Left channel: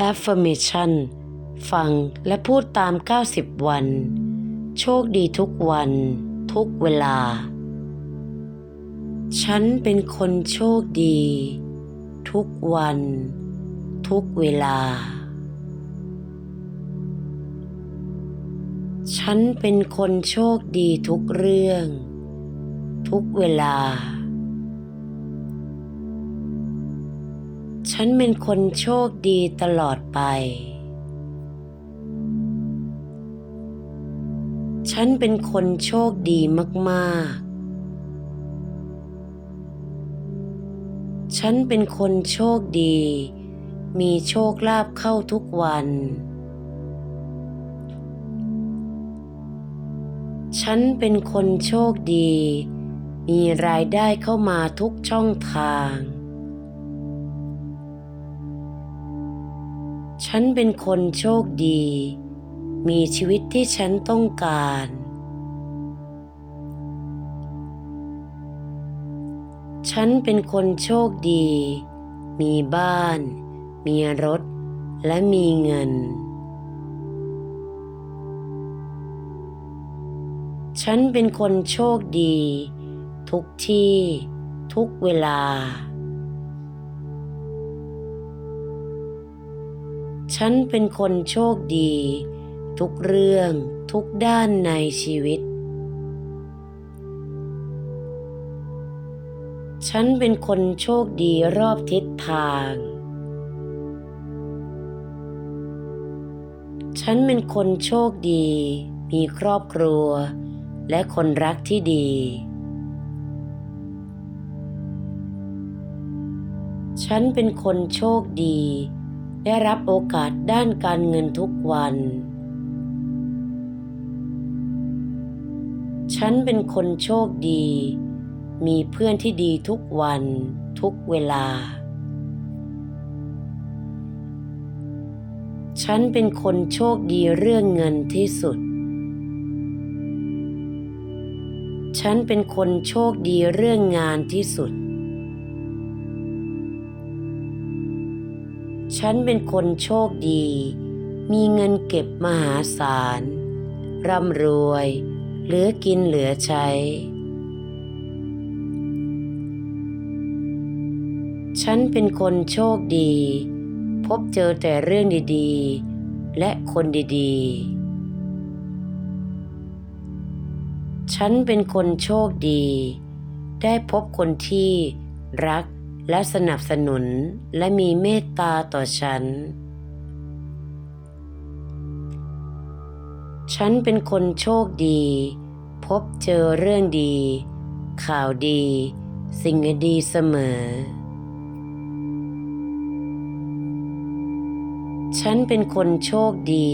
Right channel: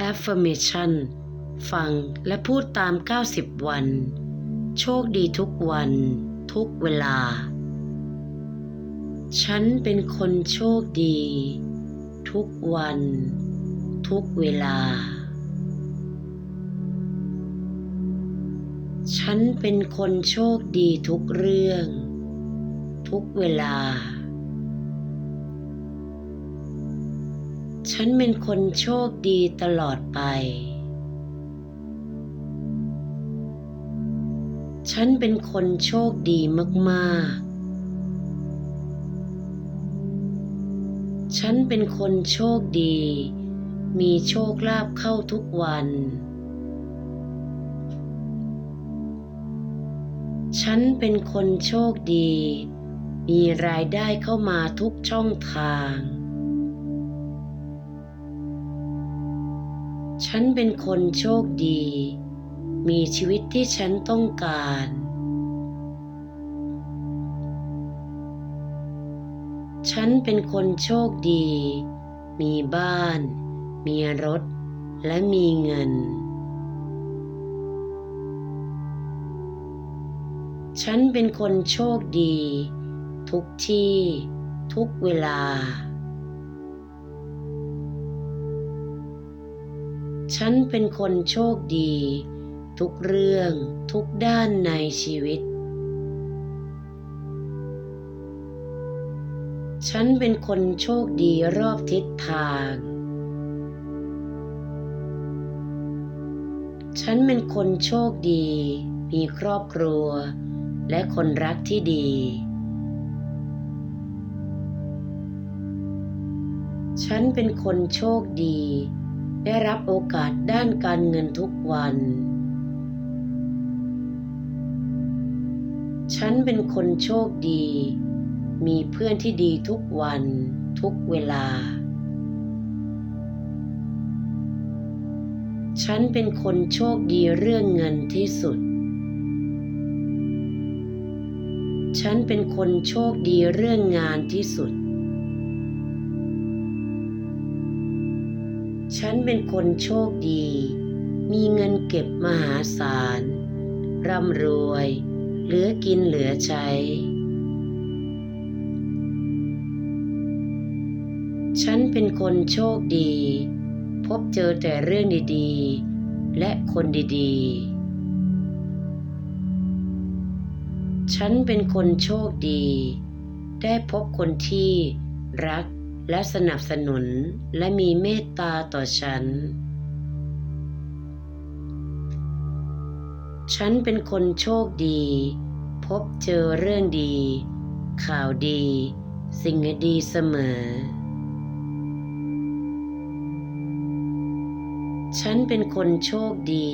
Affirmation ฟังและพูดตาม 90 วัน โชคดีทุกวัน ทุกเวลา ฉันเป็นคนโชคดี ทุกวัน ทุกเวลา ฉันเป็นคนโชคดีทุกเรื่อง ทุกเวลา ฉันเป็นคนโชคดีตลอดไป ฉันเป็นคนโชคดีมากๆ ฉันเป็นคนโชคดี มีโชคลาภเข้าทุกวัน ฉันเป็นคนโชคดี มีรายได้เข้ามาทุกช่องทาง ฉันเป็นคนโชคดี มีชีวิตที่ฉันต้องการ ฉันเป็นคนโชคดี มีบ้าน มีรถ และมีเงิน ฉันเป็นคนโชคดี ทุกที่ ทุกเวลา ฉันเป็นคนโชคดี ทุกเรื่องทุกด้านในชีวิต ฉันเป็นคนโชคดีรอบทิศทาง ฉันเป็นคนโชคดี มีครอบครัว และคนรักที่ดีฉันเป็นคนโชคดี ได้รับโอกาสด้านการเงินทุกวัน ฉันเป็นคนโชคดี มีเพื่อนที่ดีทุกวัน ทุกเวลา ฉันเป็นคนโชคดีเรื่องเงินที่สุด ฉันเป็นคนโชคดีเรื่องงานที่สุด ฉันเป็นคนโชคดี มีเงินเก็บมหาศาล ร่ำรวย เหลือกินเหลือใช้ ฉันเป็นคนโชคดี พบเจอแต่เรื่องดีๆ และคนดีๆ ฉันเป็นคนโชคดี ได้พบคนที่รัก และสนับสนุนและมีเมตตาต่อฉัน ฉันเป็นคนโชคดี พบเจอเรื่องดี ข่าวดี สิ่งดีเสมอ ฉันเป็นคนโชคดี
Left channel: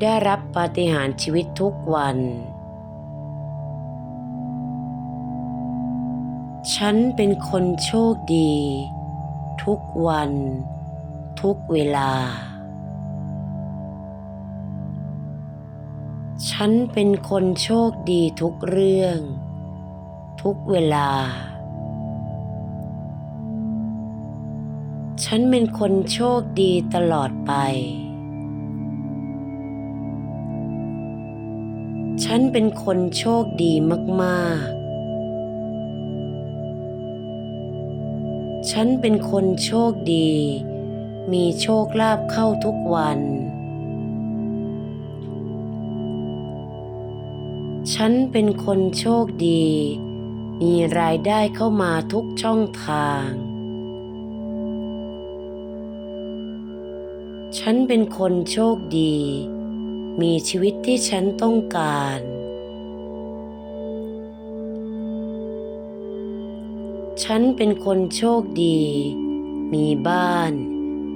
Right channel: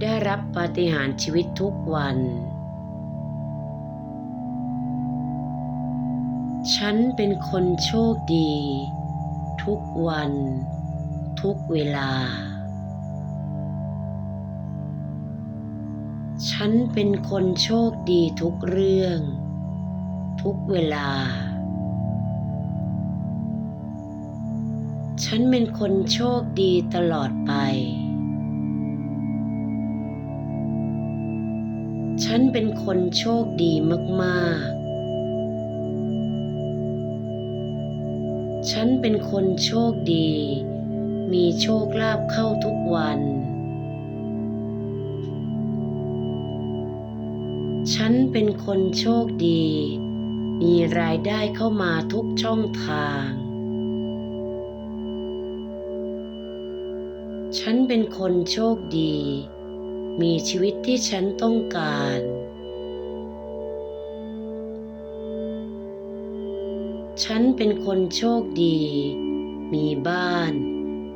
ได้รับปาฏิหาริย์ชีวิตทุกวัน ฉันเป็นคนโชคดี ทุกวัน ทุกเวลา ฉันเป็นคนโชคดีทุกเรื่อง ทุกเวลา ฉันเป็นคนโชคดีตลอดไป ฉันเป็นคนโชคดีมาก ๆ ฉันเป็นคนโชคดี มีโชคลาภเข้าทุกวัน ฉันเป็นคนโชคดี มีรายได้เข้ามาทุกช่องทาง ฉันเป็นคนโชคดี มีชีวิตที่ฉันต้องการ ฉันเป็นคนโชคดี มีบ้าน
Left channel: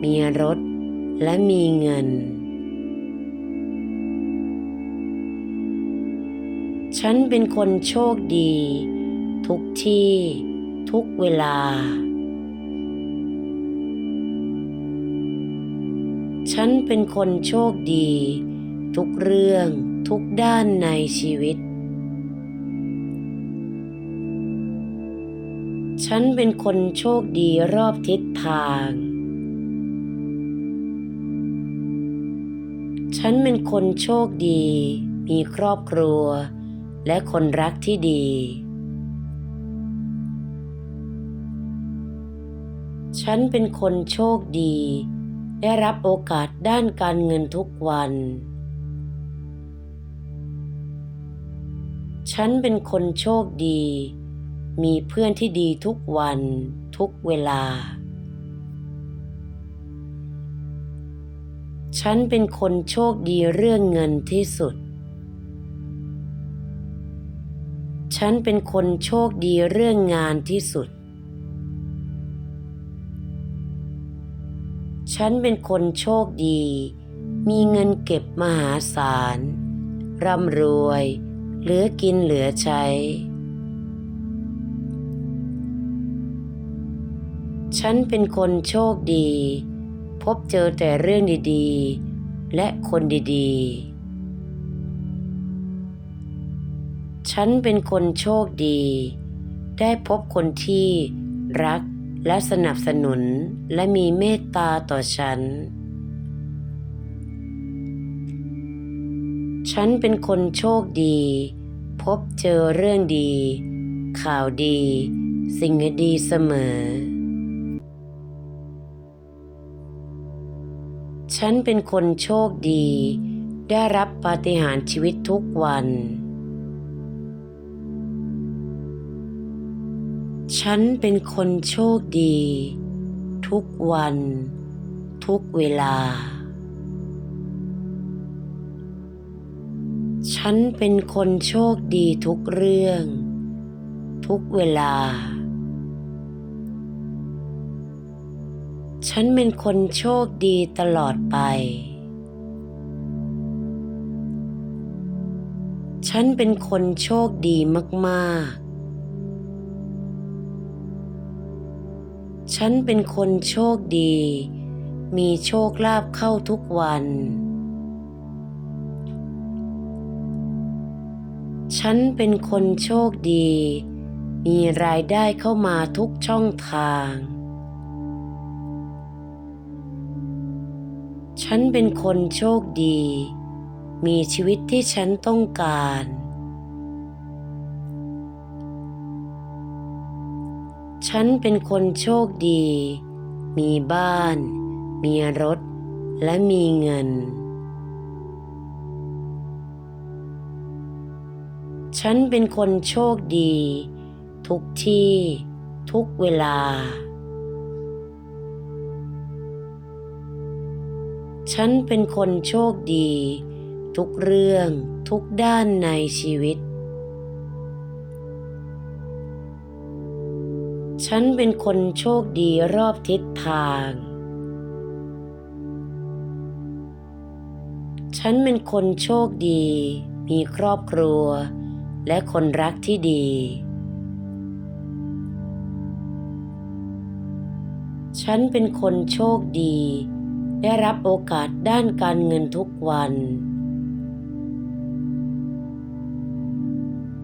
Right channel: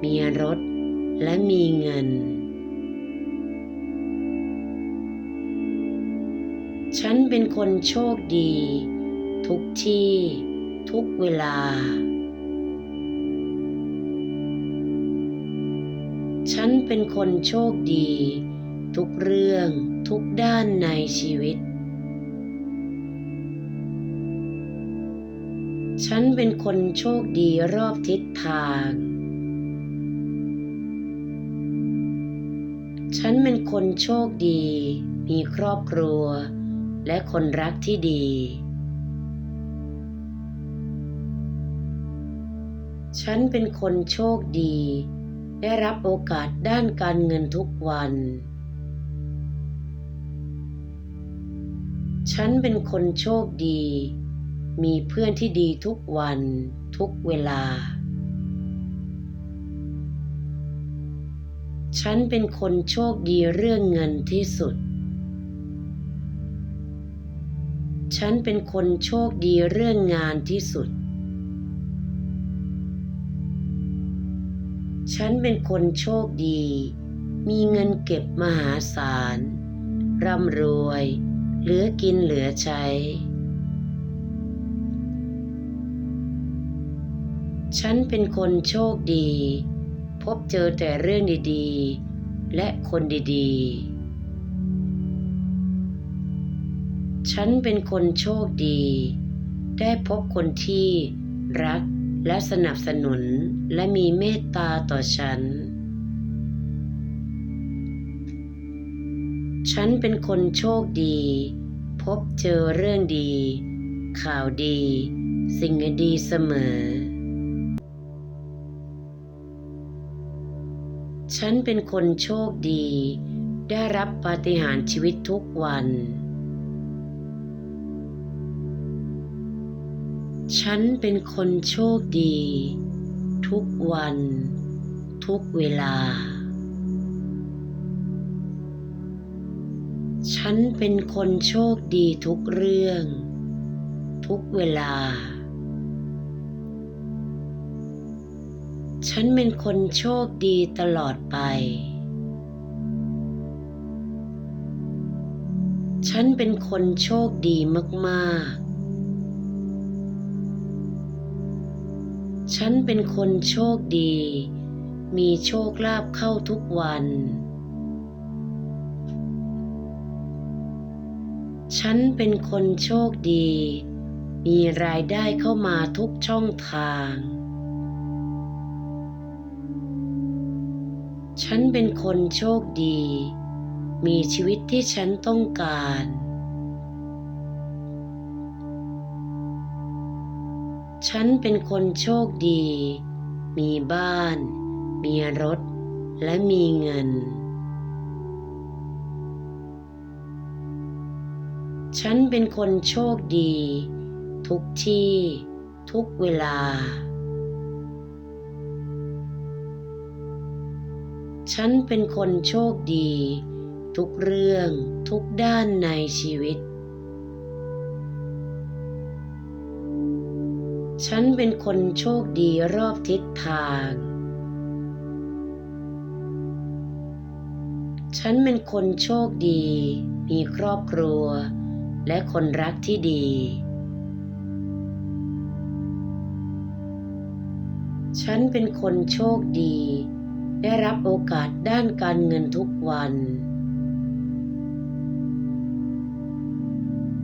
มีรถ และมีเงิน ฉันเป็นคนโชคดี ทุกที่ ทุกเวลา ฉันเป็นคนโชคดี ทุกเรื่องทุกด้านในชีวิต ฉันเป็นคนโชคดีรอบทิศทาง ฉันเป็นคนโชคดี มีครอบครัว และคนรักที่ดี ฉันเป็นคนโชคดี ได้รับโอกาสด้านการเงินทุกวัน ฉันเป็นคนโชคดี มีเพื่อนที่ดีทุกวันทุกเวลา ฉันเป็นคนโชคดีเรื่องเงินที่สุด ฉันเป็นคนโชคดีเรื่องงานที่สุด ฉันเป็นคนโชคดี มีเงินเก็บมหาศาล ร่ำรวย เหลือกินเหลือใช้ ฉันเป็นคนโชคดี พบเจอแต่เรื่องดีๆ และคนดีๆ ฉันเป็นคนโชคดี ได้พบคนที่รักและสนับสนุนและมีเมตตาต่อฉัน ฉันเป็นคนโชคดี พบเจอเรื่องดี ข่าวดี สิ่งดีเสมอ ฉันเป็นคนโชคดี ได้รับปาฏิหาริย์ชีวิตทุกวัน ฉันเป็นคนโชคดี ทุกวัน ทุกเวลา ฉันเป็นคนโชคดีทุกเรื่อง ทุกเวลา ฉันเป็นคนโชคดีตลอดไป ฉันเป็นคนโชคดีมากๆฉันเป็นคนโชคดี มีโชคลาภเข้าทุกวัน ฉันเป็นคนโชคดี มีรายได้เข้ามาทุกช่องทาง ฉันเป็นคนโชคดี มีชีวิตที่ฉันต้องการ ฉันเป็นคนโชคดี มีบ้าน มีรถ และมีเงิน ฉันเป็นคนโชคดี ทุกที่ ทุกเวลา ฉันเป็นคนโชคดี ทุกเรื่องทุกด้านในชีวิต ฉันเป็นคนโชคดีรอบทิศทาง ฉันเป็นคนโชคดี มีครอบครัว และคนรักที่ดี ฉันเป็นคนโชคดี ได้รับโอกาสด้านการเงินทุกวัน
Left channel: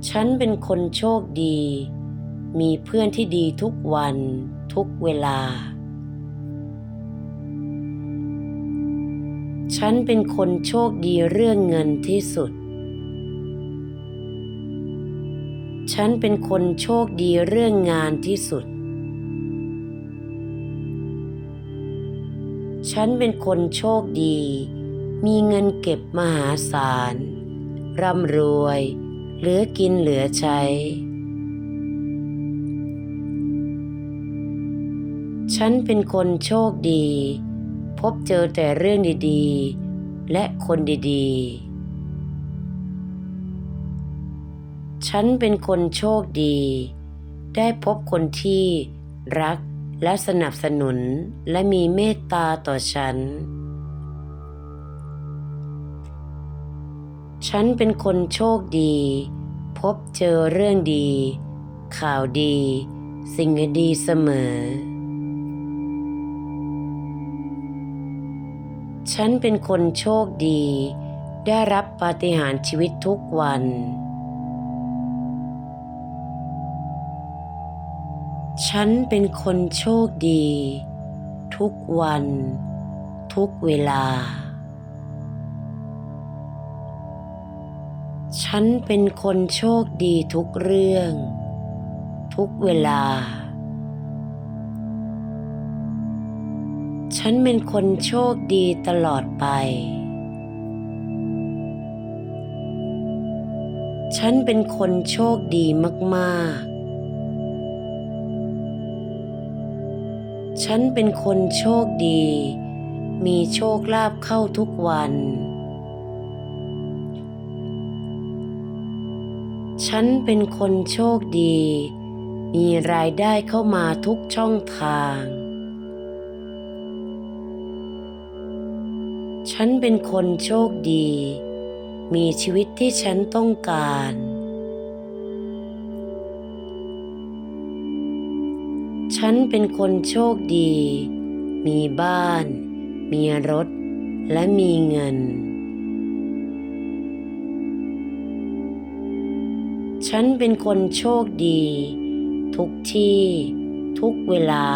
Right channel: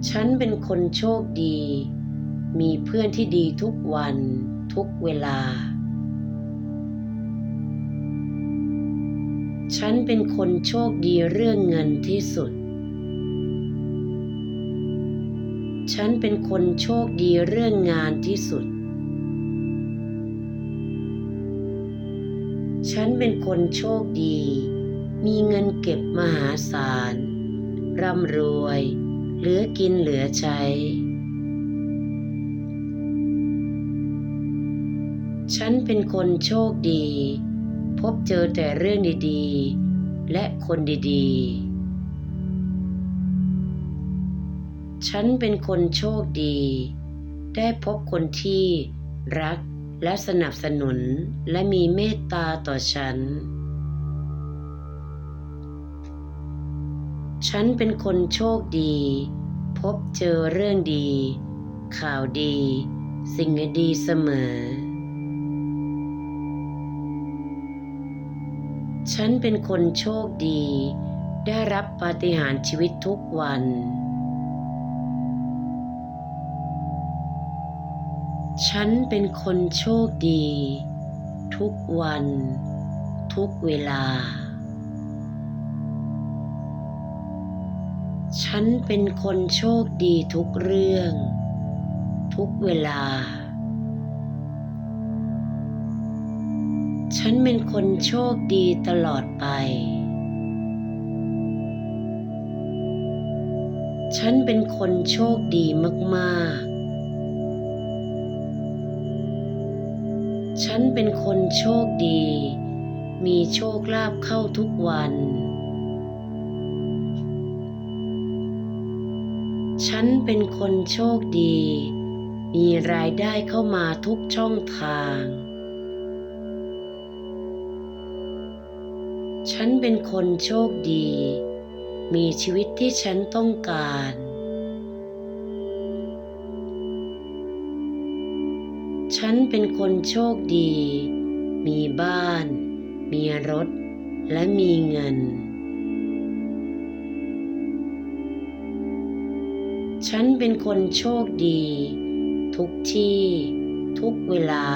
ฉันเป็นคนโชคดี มีเพื่อนที่ดีทุกวันทุกเวลา ฉันเป็นคนโชคดีเรื่องเงินที่สุด ฉันเป็นคนโชคดีเรื่องงานที่สุด ฉันเป็นคนโชคดี มีเงินเก็บมหาศาล ร่ำรวย เหลือกินเหลือใช้ ฉันเป็นคนโชคดี พบเจอแต่เรื่องดีๆ และคนดีๆ ฉันเป็นคนโชคดี ได้พบคนที่รัก และสนับสนุนและมีเมตตาต่อฉัน ฉันเป็นคนโชคดี พบเจอเรื่องดี ข่าวดี สิ่งดีเสมอ ฉันเป็นคนโชคดี ได้รับปาฏิหาริย์ชีวิตทุกวัน ฉันเป็นคนโชคดี ทุกวัน ทุกเวลา ฉันเป็นคนโชคดีทุกเรื่อง ทุกเวลา ฉันเป็นคนโชคดีตลอดไป ฉันเป็นคนโชคดีมาก ๆ ฉันเป็นคนโชคดี มีโชคลาภเข้าทุกวัน ฉันเป็นคนโชคดี มีรายได้เข้ามาทุกช่องทาง ฉันเป็นคนโชคดี มีชีวิตที่ฉันต้องการ ฉันเป็นคนโชคดี มีบ้าน มีรถ และมีเงิน ฉันเป็นคนโชคดี ทุกที่ ทุกเวลา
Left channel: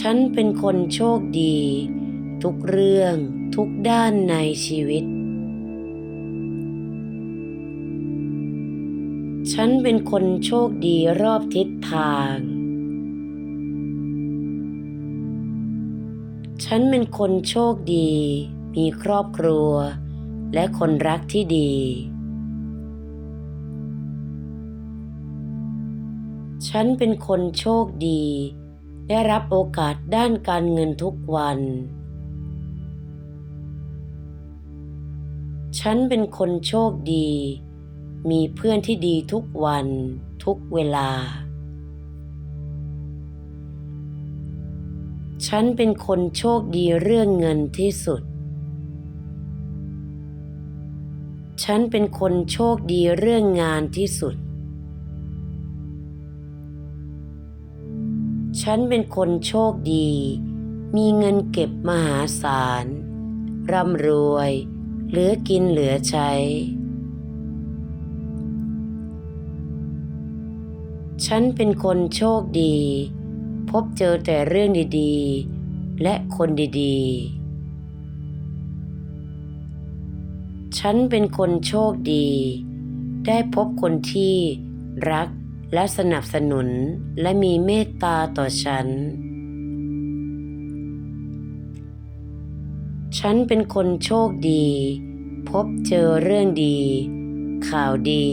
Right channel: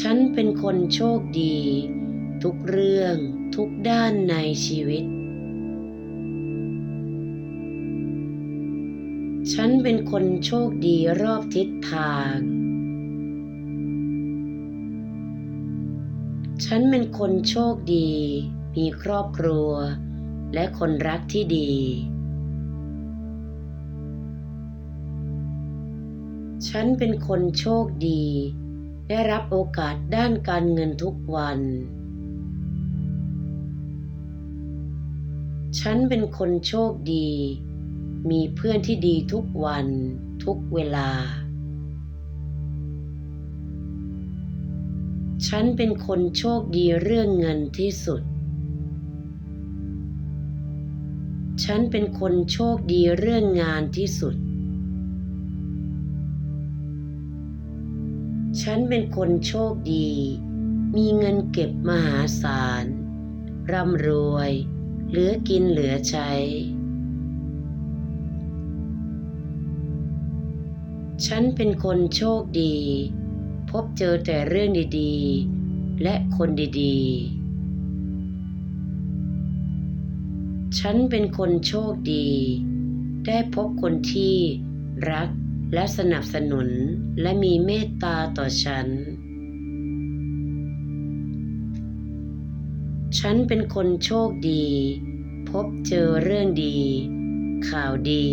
ฉันเป็นคนโชคดี ทุกเรื่องทุกด้านในชีวิต ฉันเป็นคนโชคดีรอบทิศทาง ฉันเป็นคนโชคดี มีครอบครัว และคนรักที่ดี ฉันเป็นคนโชคดี ได้รับโอกาสด้านการเงินทุกวัน ฉันเป็นคนโชคดี มีเพื่อนที่ดีทุกวันทุกเวลา ฉันเป็นคนโชคดีเรื่องเงินที่สุด ฉันเป็นคนโชคดีเรื่องงานที่สุด ฉันเป็นคนโชคดี มีเงินเก็บมหาศาล ร่ำรวย เหลือกินเหลือใช้ ฉันเป็นคนโชคดี พบเจอแต่เรื่องดีๆ และคนดีๆ ฉันเป็นคนโชคดี ได้พบคนที่รักและสนับสนุนและมีเมตตาต่อฉัน ฉันเป็นคนโชคดี พบเจอเรื่องดี ข่าวดี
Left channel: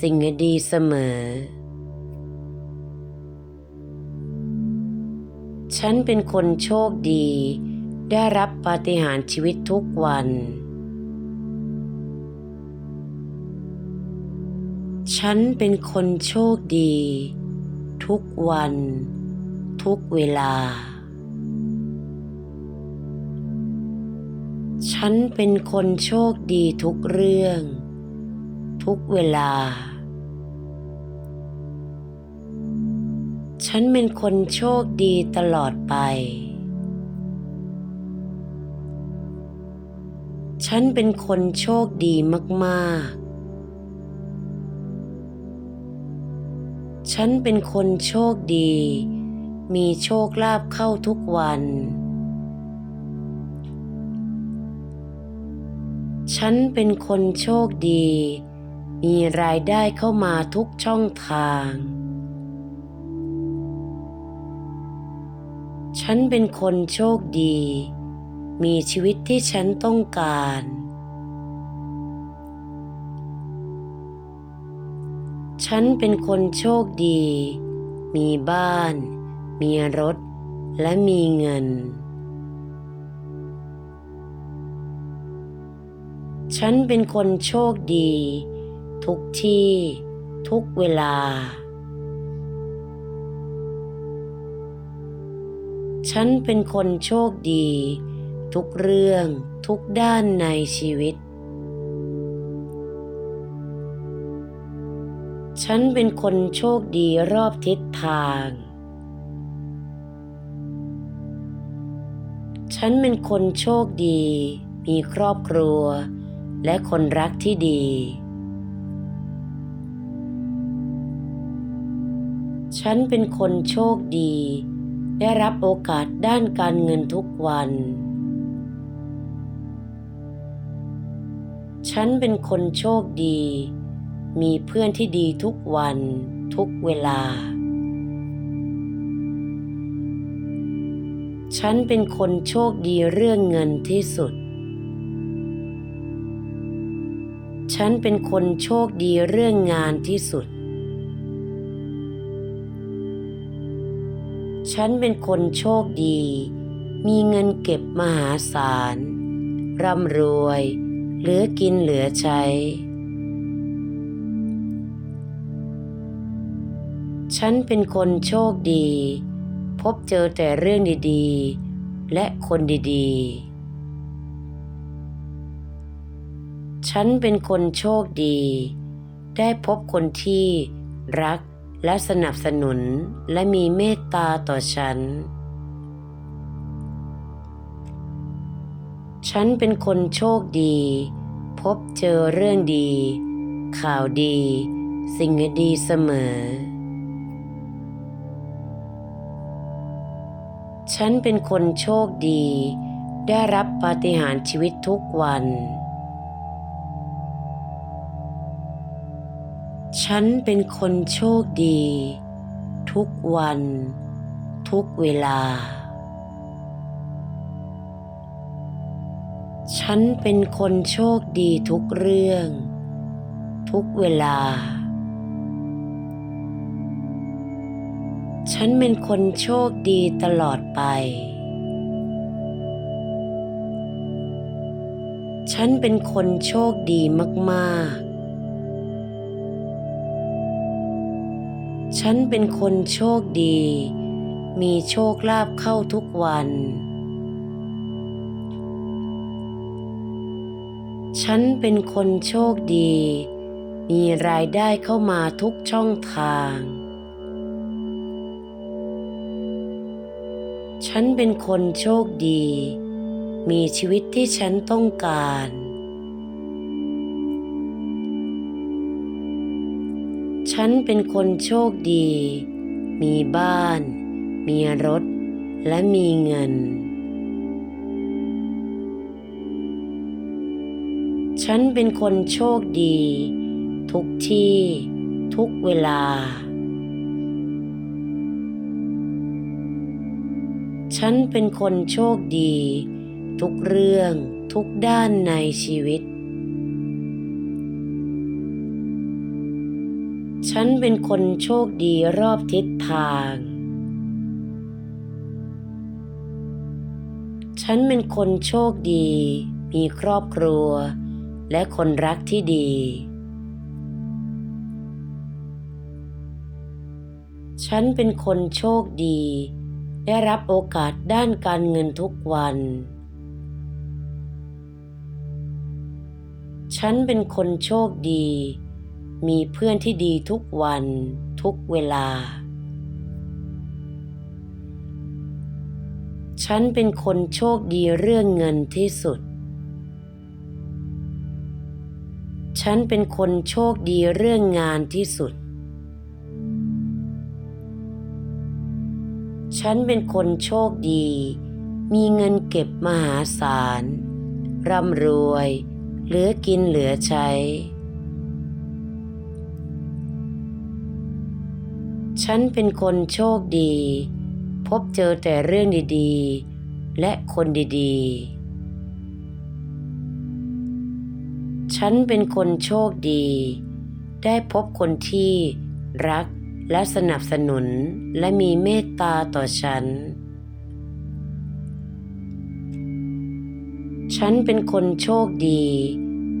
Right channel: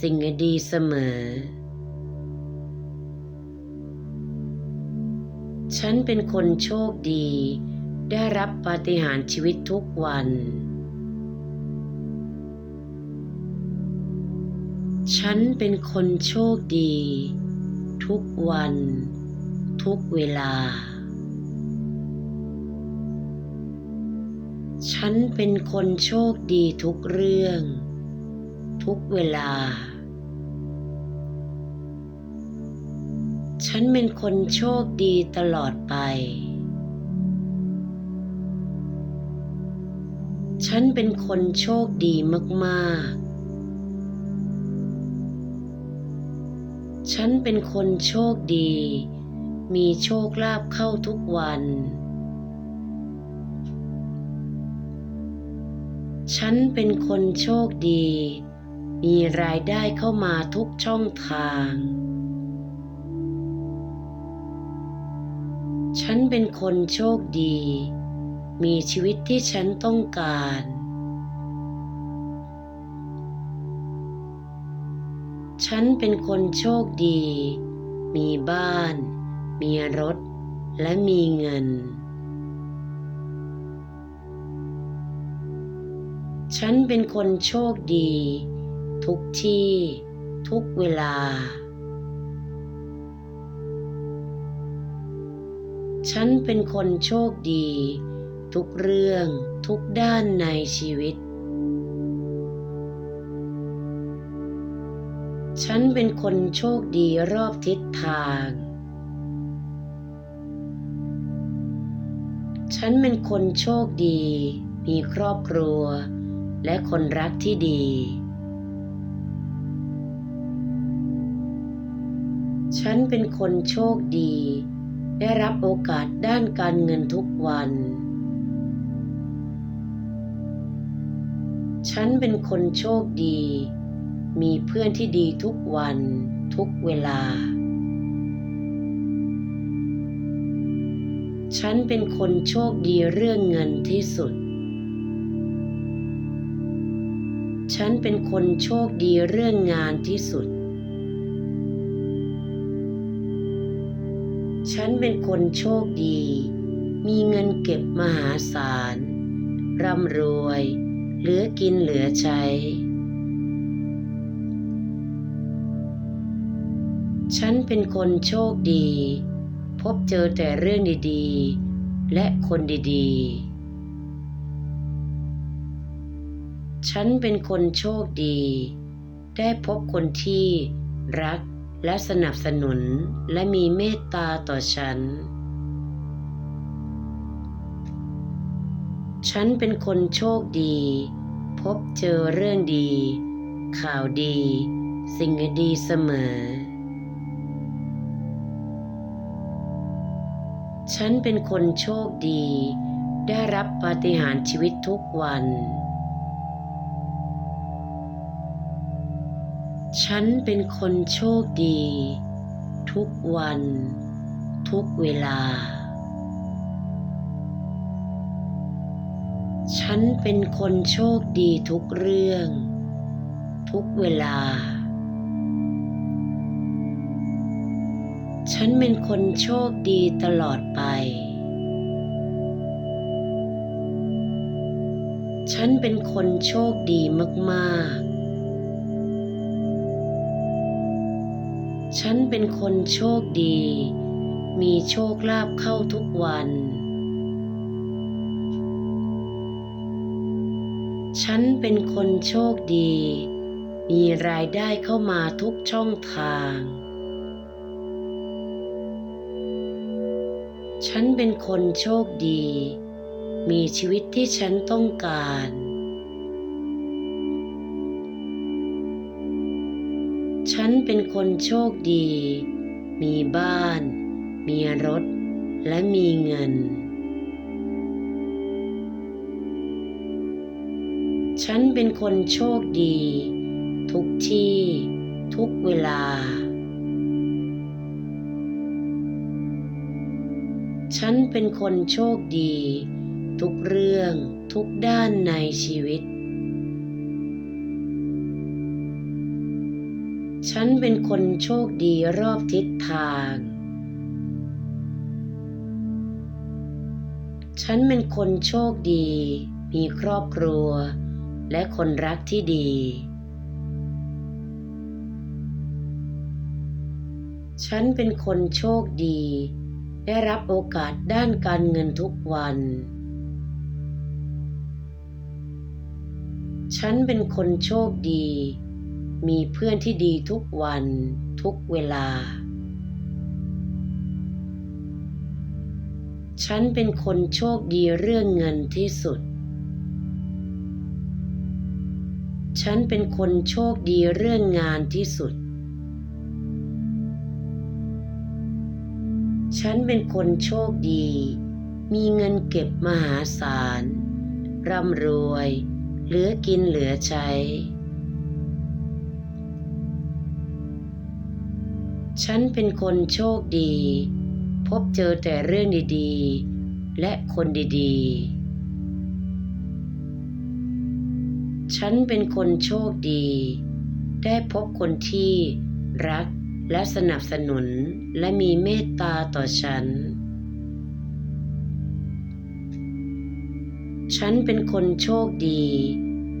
สิ่งดีเสมอ ฉันเป็นคนโชคดี ได้รับปาฏิหาริย์ชีวิตทุกวัน ฉันเป็นคนโชคดี ทุกวัน ทุกเวลา ฉันเป็นคนโชคดีทุกเรื่อง ทุกเวลา ฉันเป็นคนโชคดีตลอดไป ฉันเป็นคนโชคดีมากๆฉันเป็นคนโชคดี มีโชคลาภเข้าทุกวัน ฉันเป็นคนโชคดี มีรายได้เข้ามาทุกช่องทาง ฉันเป็นคนโชคดี มีชีวิตที่ฉันต้องการ ฉันเป็นคนโชคดี มีบ้าน มีรถ และมีเงิน ฉันเป็นคนโชคดี ทุกที่ ทุกเวลา ฉันเป็นคนโชคดี ทุกเรื่องทุกด้านในชีวิต ฉันเป็นคนโชคดีรอบทิศทาง ฉันเป็นคนโชคดี มีครอบครัว และคนรักที่ดี ฉันเป็นคนโชคดี ได้รับโอกาสด้านการเงินทุกวัน ฉันเป็นคนโชคดี มีเพื่อนที่ดีทุกวันทุกเวลา ฉันเป็นคนโชคดีเรื่องเงินที่สุด ฉันเป็นคนโชคดีเรื่องงานที่สุด ฉันเป็นคนโชคดี มีเงินเก็บมหาศาล ร่ำรวย เหลือกินเหลือใช้ ฉันเป็นคนโชคดี พบเจอแต่เรื่องดีๆ และคนดีๆ ฉันเป็นคนโชคดี ได้พบคนที่รัก และสนับสนุนและมีเมตตาต่อฉัน ฉันเป็นคนโชคดี พบเจอเรื่องดี ข่าวดี สิ่งดีเสมอ ฉันเป็นคนโชคดี ได้รับปาฏิหาริย์ชีวิตทุกวัน ฉันเป็นคนโชคดี ทุกวัน ทุกเวลา ฉันเป็นคนโชคดีทุกเรื่อง ทุกเวลา ฉันเป็นคนโชคดีตลอดไป ฉันเป็นคนโชคดีมาก ๆ ฉันเป็นคนโชคดี มีโชคลาภเข้าทุกวัน ฉันเป็นคนโชคดี มีรายได้เข้ามาทุกช่องทาง ฉันเป็นคนโชคดี มีชีวิตที่ฉันต้องการ ฉันเป็นคนโชคดี มีบ้าน มีรถ และมีเงิน ฉันเป็นคนโชคดี ทุกที่ ทุกเวลา ฉันเป็นคนโชคดี ทุกเรื่องทุกด้านในชีวิต นเป็นคนโชคดีรอบทิศทาง ฉันเป็นคนโชคดี มีครอบครัว และคนรักที่ดี ฉันเป็นคนโชคดี ได้รับโอกาสด้านการเงินทุกวัน ฉันเป็นคนโชคดี มีเพื่อนที่ดีทุกวันทุกเวลา ฉันเป็นคนโชคดีเรื่องเงินที่สุด ฉันเป็นคนโชคดีเรื่องงานที่สุด ฉันเป็นคนโชคดี มีเงินเก็บมหาศาล ร่ำรวย เหลือกินเหลือใช้ ฉันเป็นคนโชคดี พบเจอแต่เรื่องดีๆ และคนดีๆ ฉันเป็นคนโชคดี ได้พบคนที่รักและสนับสนุนและมีเมตตาต่อฉัน ฉันเป็นคนโชคดี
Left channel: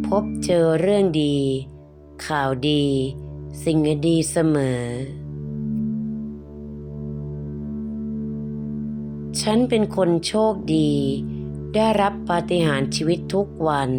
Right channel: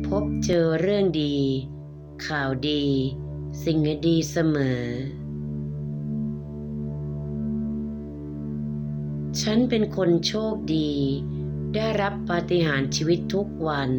พบเจอเรื่องดี ข่าวดี สิ่งดีเสมอ ฉันเป็นคนโชคดี ได้รับปาฏิหาริย์ชีวิตทุกวัน